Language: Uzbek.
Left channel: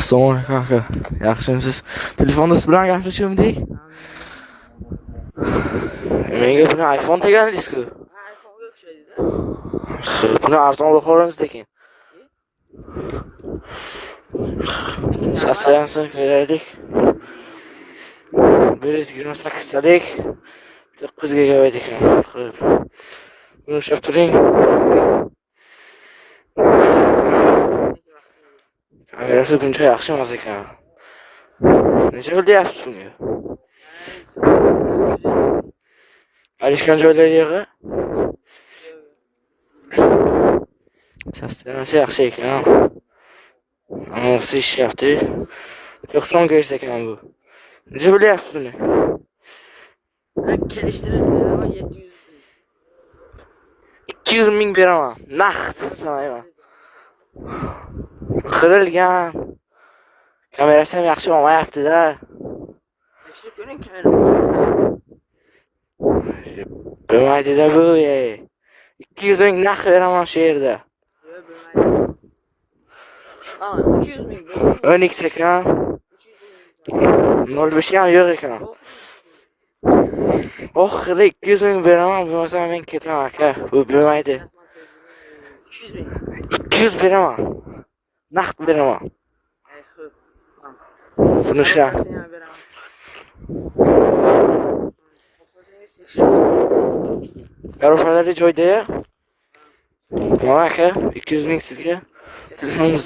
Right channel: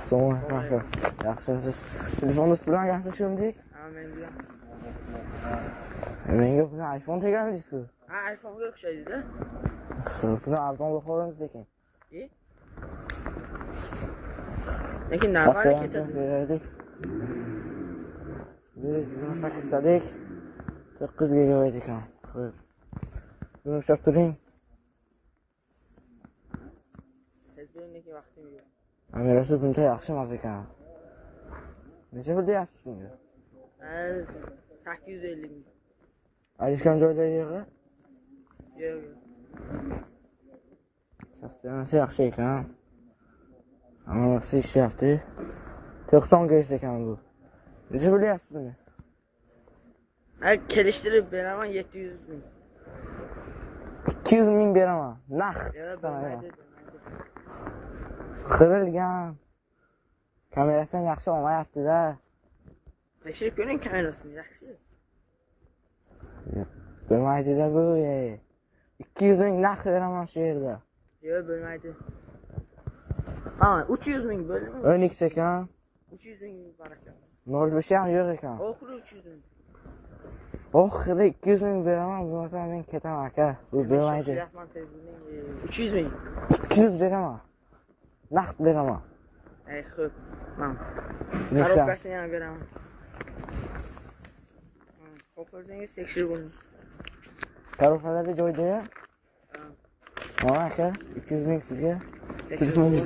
Assalomu alaykum aka. Yaxshimisiz? Telefonda siz bilan gaplashuvdik. Menga buni iPhone tegandingiz-ku. Ha, iPhone'ga o'xshaydi-da. Buni arzonroq olamiz lekin. Lekin Sastrayansin keraklik. 128 talik 9 GB ekan. Buni ushlab turing. Kamerasi buncha yaxshi emas ekan. Necha pul deyapsiz bunga? 850. Alishgan joylari yig'i? Sastrayansi yaxshi ekan. Anaqasi ishyapti. 90 Hz ekan bu. Necha pul deyapsiz buni? Kelishtirib beraman 700 ming. 200 ming beraman. Naqd sanayman. Qirilgan. Kamerasi ham yaxshi olmayapti-da. Tekshirib ko'ring kamerasini. Bo'lmaydi-da bu. 200 ming naqd beraman shu yerda. Yo'q, bo'lmaydi. Ha, 300 ming bo'ldi. 10x ekan. 300 ming. 05 ham yo'q ekan. Oxiri 200 ming beraman, bo'lmasa men ketaman aka. Bu bo'lmaydi. 300 ming. 200 beraman. Naqd beraman. Ay, xo'p. Mana. Buni ishlang. Xohlasangiz tekshiring. Yorufalari joyda. Mana aka, 200 ming sizga. Telefoningiz